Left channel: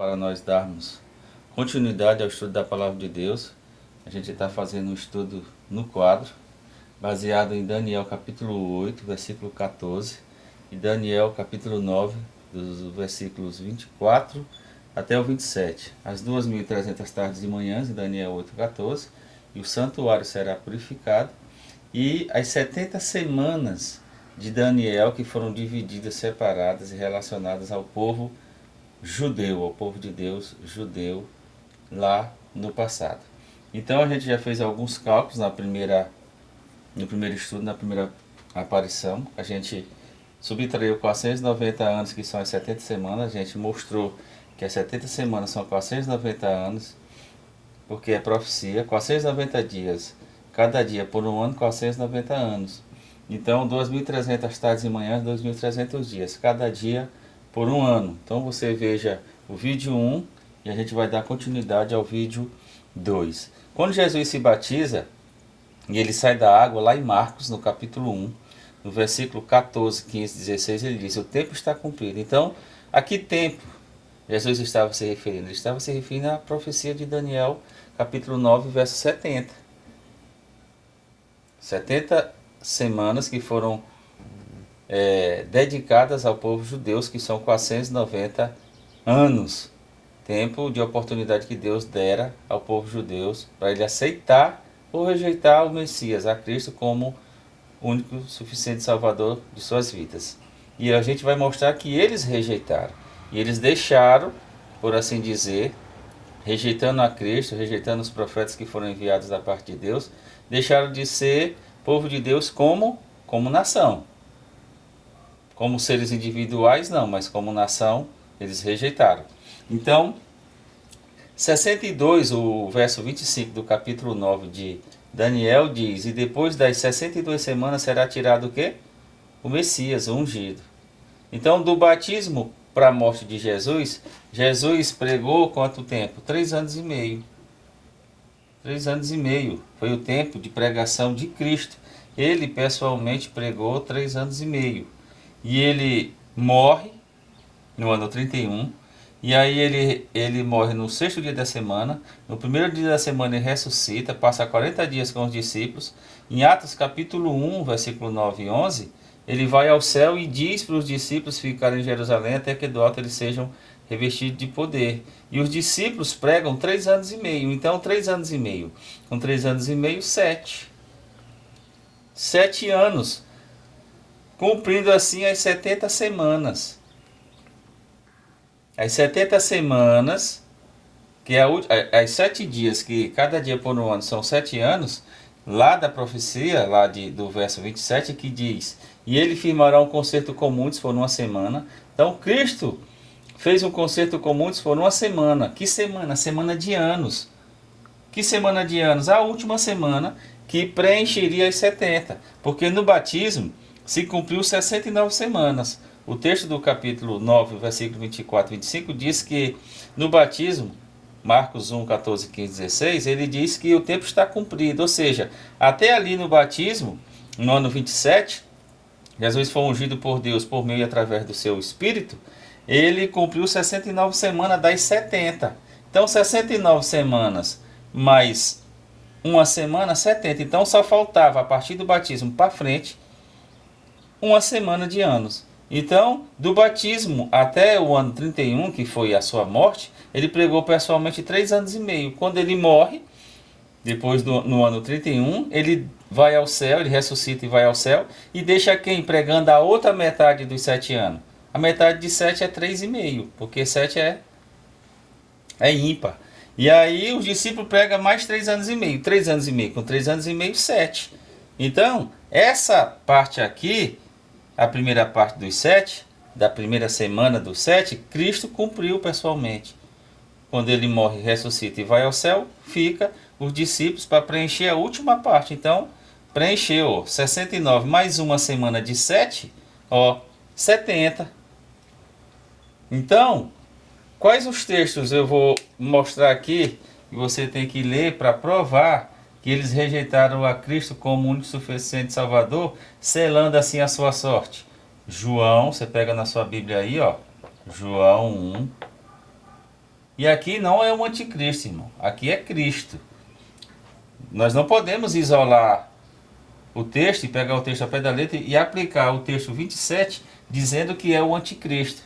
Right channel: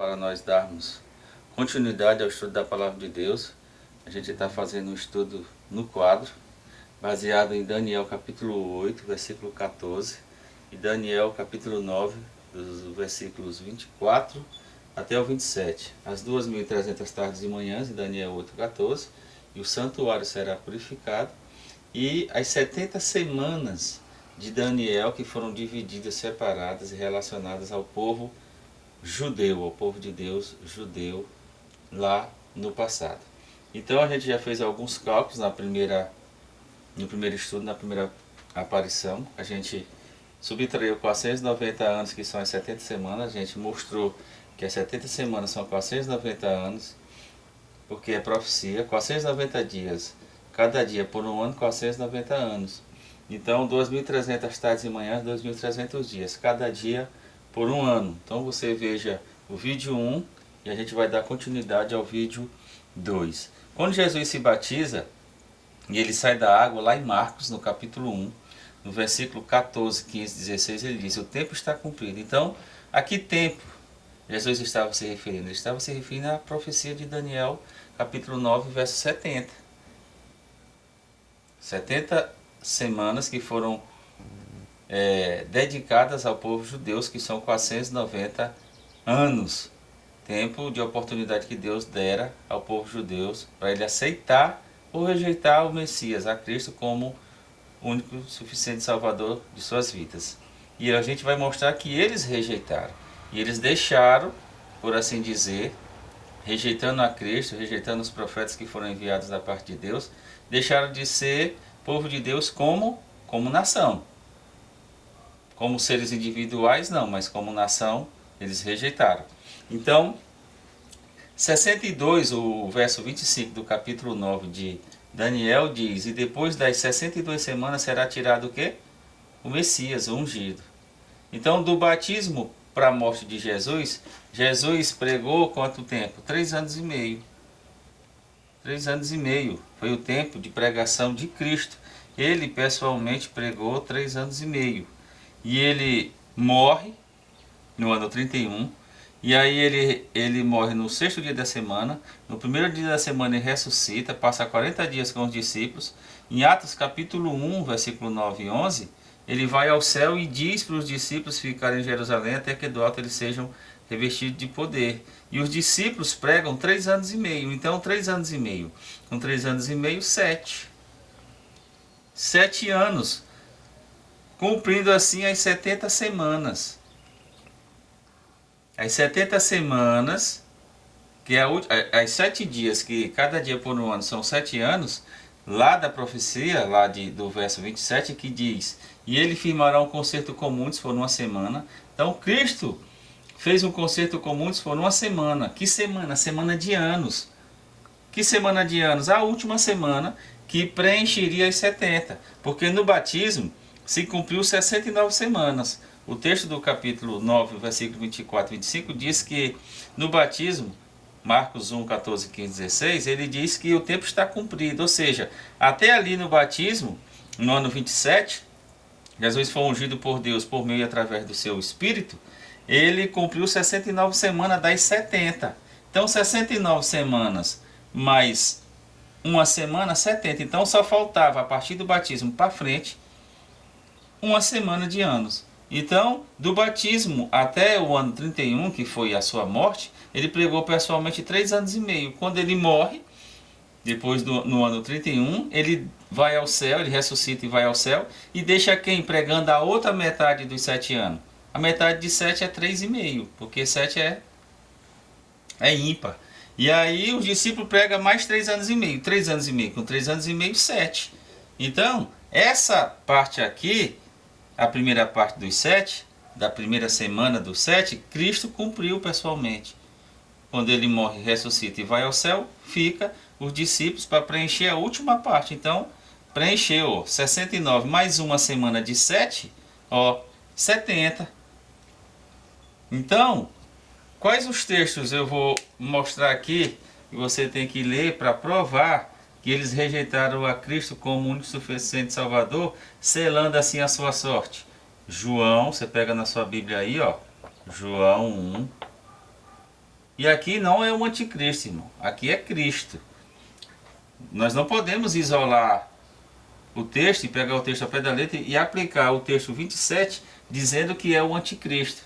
para nós darmos continuidade ao estudo da Palavra de Deus. A gente está fazendo um estudo no quadro, baseado em Daniel capítulo 8, versículo 14, e Daniel capítulo 9, dos versículos 24 até o 27. As 2.300 tardes e manhãs, em Daniel 8, 14, e o santuário será purificado, e as 70 semanas de Daniel, que foram divididas, separadas e relacionadas ao povo judeu, ao povo de Deus judeu, lá no passado. Então a gente já fez alguns cálculos no primeiro estudo, na primeira aparição. A gente subtraiu 490 anos, que são as 70 semanas. A gente mostrou que as 70 semanas são 490 anos, porque é profecia. 490 dias, cada dia por um ano, 490 anos. Então 2.300 tardes e manhãs, 2.300 dias, cada dia por um ano. Então você veja o vídeo 1 e a gente vai dar continuidade ao vídeo 2. Quando Jesus se batiza e ele sai da água, lá em Marcos, no capítulo 1, no versículo 14, 15, 16, ele diz: o tempo está cumprido. Então, a que tempo Jesus estava se referindo? Ele estava se referindo à profecia de Daniel, capítulo 9, verso 70. 70 semanas que foram dedicadas ao povo judeu, que são 490 anos. Tempo de oportunidade que Deus dera ao povo judeu para ele aceitar ou rejeitar o Messias, a Cristo, como único suficiente Salvador de suas vidas. E a gente vai mostrar que eles rejeitaram. E eles deixaram, por assim dizer, rejeitando a Cristo, rejeitando os profetas que foram enviados da parte de Deus, deixaram de ser povo de Deus como nação. Como seres individuais, não, mas como nação, eles rejeitaram. Então, 62, o verso 25 do capítulo 9 de Daniel diz: e depois das 62 semanas será tirado o quê? O Messias, o ungido. Então, do batismo para a morte de Jesus, Jesus pregou quanto tempo? 3 anos e meio. 3 anos e meio foi o tempo de pregação de Cristo. Ele pessoalmente pregou 3 anos e meio. E ele morre no ano 31. E aí ele morre no 6º dia da semana. No 1º dia da semana ele ressuscita, passa 40 dias com os discípulos. Em Atos capítulo 1, versículo 9 e 11, ele vai ao céu e diz para os discípulos ficarem em Jerusalém até que do alto eles sejam revestidos de poder. E os discípulos pregam 3 anos e meio. Então 3 anos e meio. Com 3 anos e meio, 7. 7 anos. Cumprindo assim as 70 semanas. As 70 semanas, que é as 7 dias, que cada dia por um ano são 7 anos, lá da profecia, lá do verso 27, que diz: e ele firmará um concerto com muitos por uma semana. Então Cristo fez um concerto com muitos por uma semana. Que semana? Semana de anos. Que semana de anos? A última semana que preencheria as 70. Porque no batismo se cumpriu 69 semanas. O texto do capítulo 9, versículo 24 e 25 diz que no batismo, Marcos 1, 14, 15, 16, ele diz que o tempo está cumprido. Ou seja, até ali no batismo, no ano 27, Jesus foi ungido por Deus por meio e através do seu Espírito, ele cumpriu 69 semanas das 70. Então 69 semanas mais uma semana, 70. Então só faltava, a partir do batismo para frente, uma semana de anos. Então, do batismo até o ano 31, que foi a sua morte, ele pregou pessoalmente 3 anos e meio. Quando ele morre, depois no ano 31, ele vai ao céu, ele ressuscita e vai ao céu, e deixa quem pregando a outra metade dos 7 anos? A metade de 7 é 3,5, porque 7 é ímpar. E aí os discípulos pregam mais 3 anos e meio. 3 anos e meio com 3 anos e meio, 7. Então, essa parte aqui, a primeira parte dos 7, da primeira semana dos 7, Cristo cumpriu pessoalmente. Quando ele morre, ressuscita e vai ao céu, fica os discípulos para preencher a última parte. Então, preencheu 69 mais uma semana de 7, 70. Então, quais os textos eu vou mostrar aqui que você tem que ler para provar que eles rejeitaram a Cristo como único suficiente Salvador, selando assim a sua sorte? João, você pega na sua Bíblia aí, João 1, E aqui não é o anticristo, irmão. Aqui é Cristo. Nós não podemos isolar o texto e pegar o texto ao pé da letra e aplicar o texto 27 dizendo que é o anticristo.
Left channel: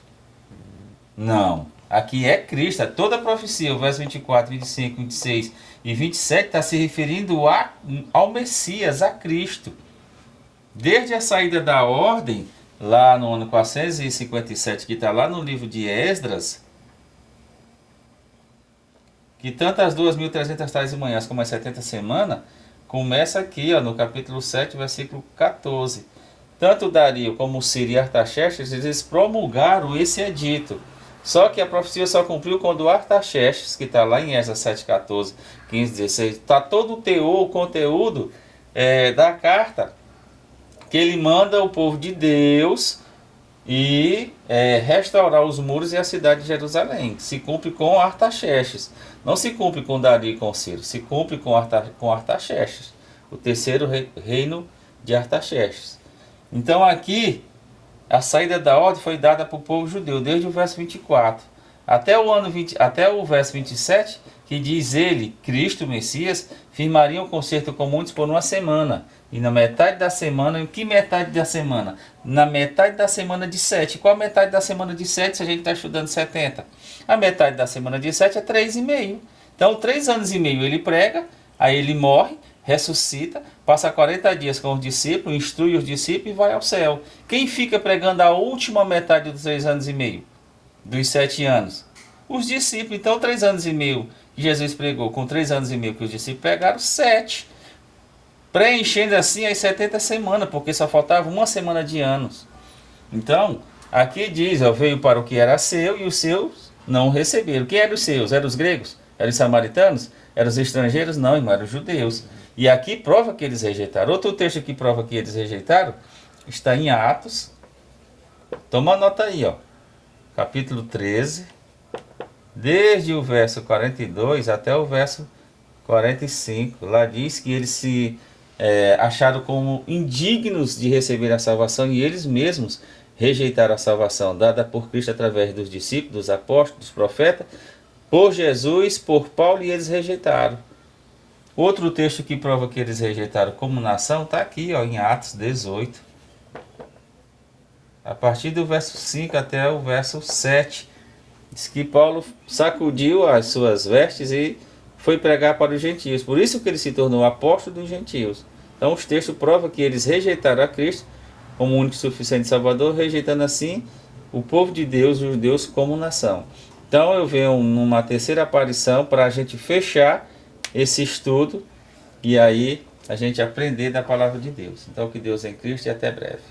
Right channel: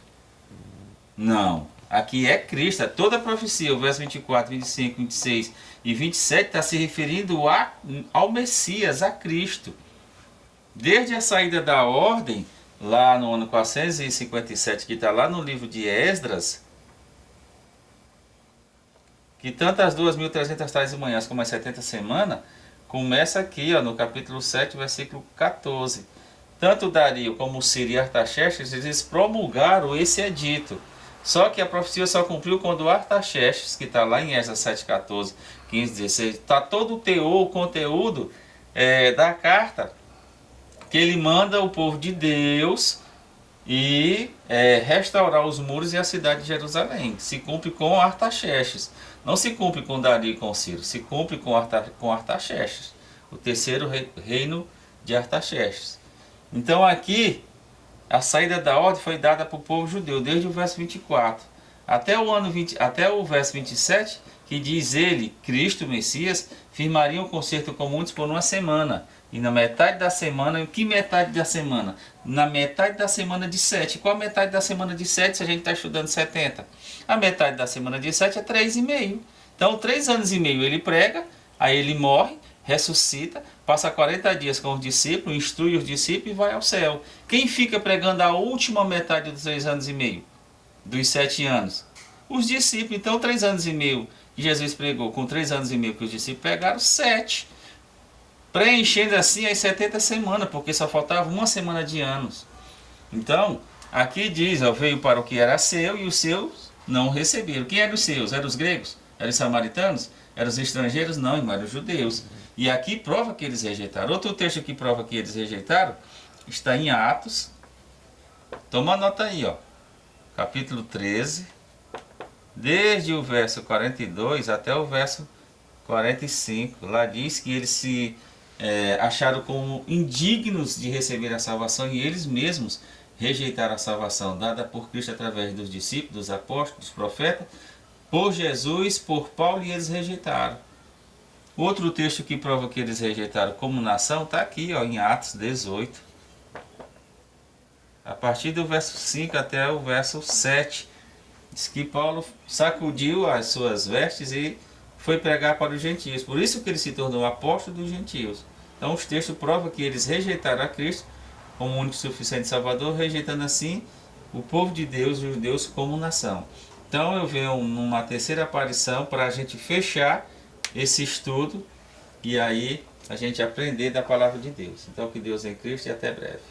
Não. Aqui é Cristo. É toda a profecia, o verso 24, 25, 26 e 27 está se referindo ao Messias, a Cristo. Desde a saída da ordem, lá no ano 457, que está lá no livro de Esdras, que tanto as 2.300 tais e manhãs como as 70 semanas, começa aqui, ó, no capítulo 7, versículo 14. Tanto Dario como Ciro e Artaxerxes, eles promulgaram esse edito. Só que a profecia só cumpriu quando Artaxerxes, que está lá em Esdras 7, 14, 15, 16, está todo o teor, o conteúdo da carta, que ele manda o povo de Deus e restaurar os muros e a cidade de Jerusalém. Se cumpre com Artaxerxes. Não se cumpre com Dario e com Ciro, se cumpre com Artaxerxes, o terceiro reino de Artaxerxes. Então aqui, a saída da ordem foi dada para o povo judeu, desde o verso 24 até o verso 27, que diz ele, Cristo, Messias, firmaria um concerto com muitos por uma semana. E na metade da semana, que metade da semana? Na metade da semana de 7. Qual a metade da semana de 7 se a gente está estudando 70? A metade da semana de 7 é 3,5. Então, 3 anos e meio ele prega, aí ele morre, ressuscita, passa 40 dias com os discípulos, instrui os discípulos e vai ao céu. Quem fica pregando a última metade dos 3 anos e meio? Dos 7 anos? Os discípulos. Então, 3 anos e meio que Jesus pregou, com 3 anos e meio que os discípulos pegaram, 7. Preenchendo assim as 70 semanas, porque só faltava uma semana de anos. Então, aqui diz, veio para o que era seu e os seus não receberam. Quem eram os seus? Eram os gregos? Eram os samaritanos? Eram os estrangeiros? Não, irmão, eram os judeus. E aqui prova que eles rejeitaram. Outro texto que prova que eles rejeitaram está em Atos. Toma nota aí, ó. Capítulo 13, desde o verso 42 até o verso 45. Lá diz que eles se acharam como indignos de receber a salvação e eles mesmos rejeitaram a salvação dada por Cristo através dos discípulos, dos apóstolos, dos profetas, por Jesus, por Paulo, e eles rejeitaram. Outro texto que prova que eles rejeitaram como nação está aqui, ó, em Atos 18. A partir do verso 5 até o verso 7. Diz que Paulo sacudiu as suas vestes e foi pregar para os gentios. Por isso que ele se tornou apóstolo dos gentios. Então os textos provam que eles rejeitaram a Cristo como único e suficiente Salvador, rejeitando assim o povo de Deus, os judeus, como nação. Então eu venho numa terceira aparição para a gente fechar esse estudo e aí a gente aprender da palavra de Deus. Então que Deus em Cristo e até breve.